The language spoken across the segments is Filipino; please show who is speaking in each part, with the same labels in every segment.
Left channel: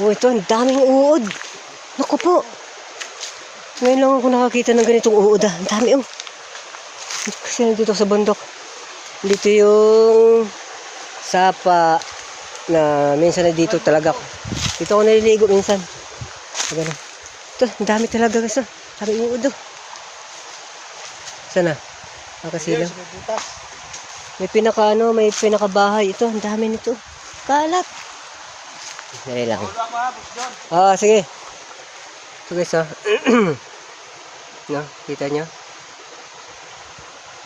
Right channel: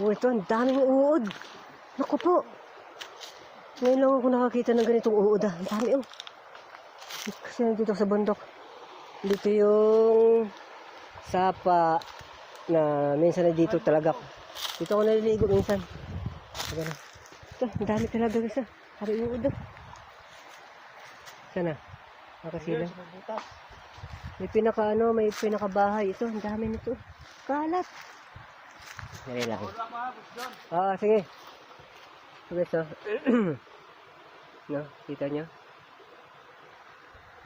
Speaker 1: Oh, ito, ang daming uod. Naku po. Ngayon lang ako nakakita ng ganitong uod ah. Ang dami oh. Kasi nandito sa bundok. Dito yung sapa na minsan na dito talaga ako. Dito ako naliligo minsan. Ganun. Ito, ang dami talaga guys ah. Dami uod oh. Sana? Nakasilaw.
Speaker 2: May butas.
Speaker 1: May pinaka ano, may pinaka bahay. Ito, ang dami nito. Kalat. Dali lang.
Speaker 2: Boss John.
Speaker 1: Ah, sige. Ito guys ah. no, kita nyo?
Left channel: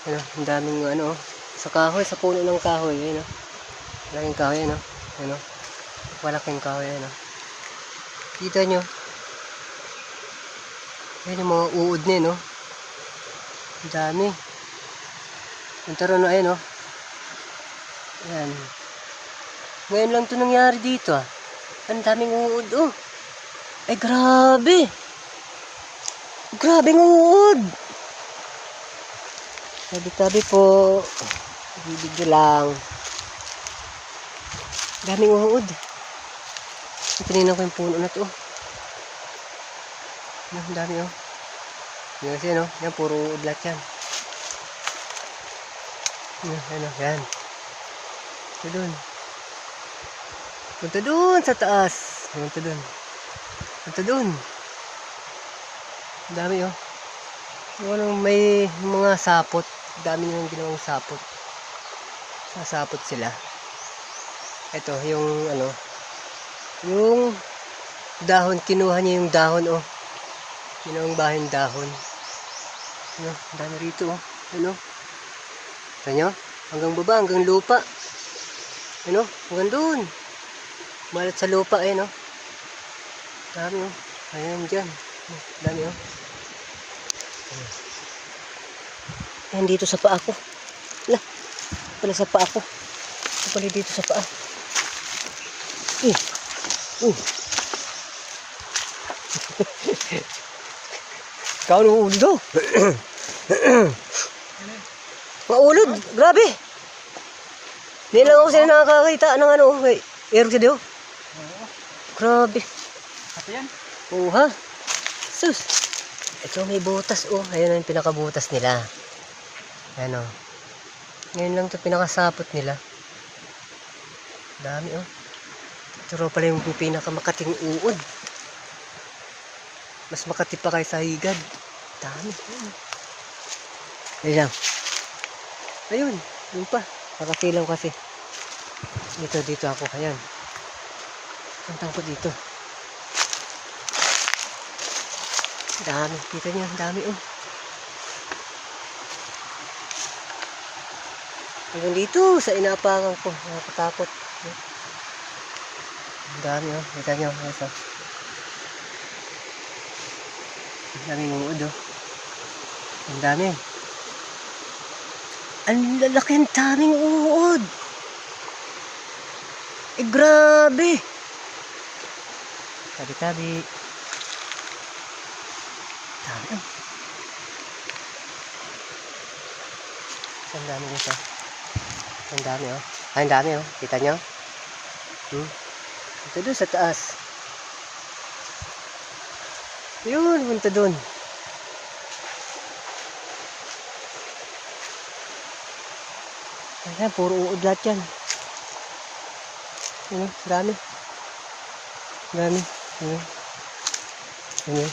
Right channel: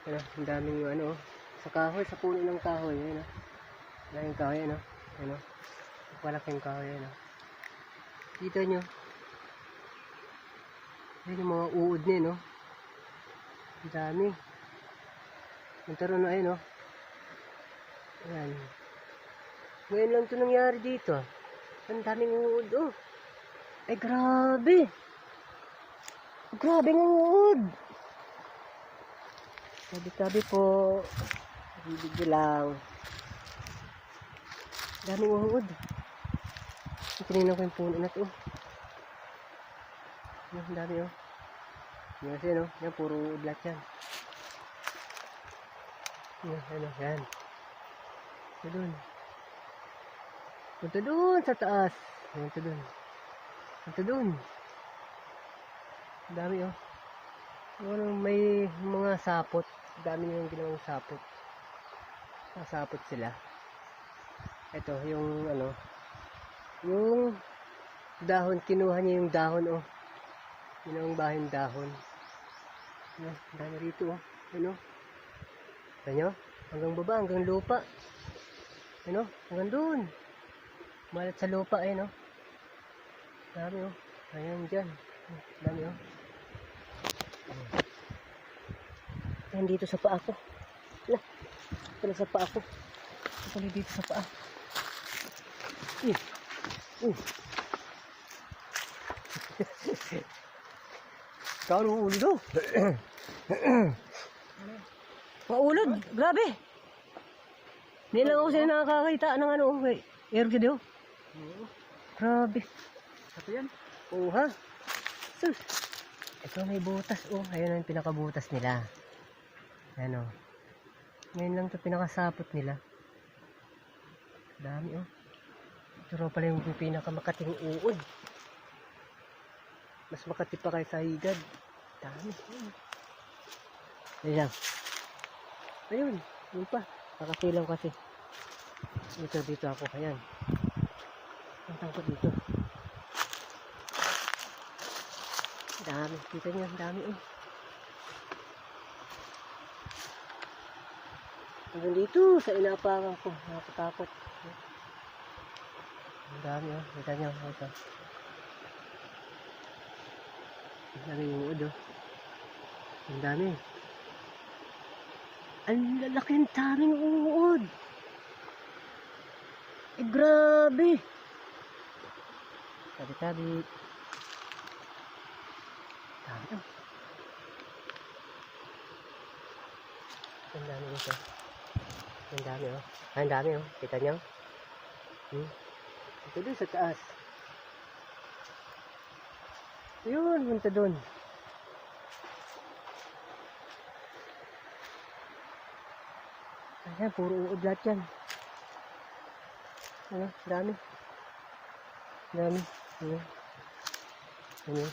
Speaker 1: Ano, ang daming ano, oh. sa kahoy, sa puno ng kahoy, ayun oh. Malaking kahoy, ano? Ano? Malaking kahoy, ano? Kita nyo? Yan yung mga uod niya, no? Ang dami. Yung taro no, ayun, oh. Yan. Ngayon lang to nangyari dito, ah. Ang daming uod, oh. Ay, grabe. Grabe ng uod. Tabi-tabi po. Bibig lang. Daming uod. Tininan ko yung puno na to. oh. Ang dami, oh. Yan kasi, no? Yan, puro uod lahat yan. Ano, ano, yan. Ito dun. Punta dun sa taas. Punta dun. Punta. Ang dami oh. Anong may mga sapot. Dami nilang ginawang sapot. Sasapot sila. Ito, yung ano. Yung dahon. Kinuha niya yung dahon oh. Ginawang bahay dahon. Ano, dami rito oh. Ano? Ito nyo? Hanggang baba, hanggang lupa. Ano? Hanggang doon. Malat sa lupa eh, no? Dami oh. Ayan dyan. Dami oh. Ayan dito sa paa ko. Lah. Pala sa paa ko. Pala dito sa paa. Eh. Uh. Ikaw ng ulo daw. Maulod. Grabe. Hindi lang ako sila nakakakita ng ano. Air ka daw. Grabe.
Speaker 2: Ito yan.
Speaker 1: Oo ha? Sus. Ito may butas oh. Ayun ang pinakabutas nila. Ayan oh. Ngayon lang ito pinakasapot nila. Dami oh. Ito raw pala yung pinakamakating uod. Mas makati pa kay sa higad. Dami. Ayun lang. Ayun. Yun pa. Nakasilaw kasi. Dito, dito ako. Ayan. Tantang ko dito. Dami. Kita niya, dami oh. Hanggang dito sa inapakan ko. Nakakatakot. Ang dami oh. Kita niyo. Guys. Ang dami ng uod oh. Ang dami. Ang lalaki ang daming uod. Eh, grabe. Tabi-tabi. Dami oh. Ang dami oh. Ang dami oh. Ang dami oh. Kita nyo? Hmm? Ito doon sa taas. Yun, punta doon. Ayan, puro uod lahat yan. Ano, dami. Dami. Ano. Ano.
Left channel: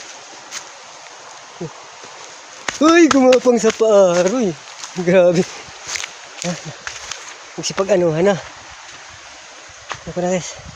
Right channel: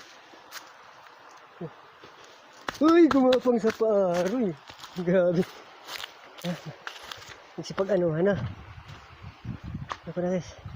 Speaker 1: Uy, gumapang sa paaroy. Grabe. Ah, Magsipag anuhan na. Ako na guys.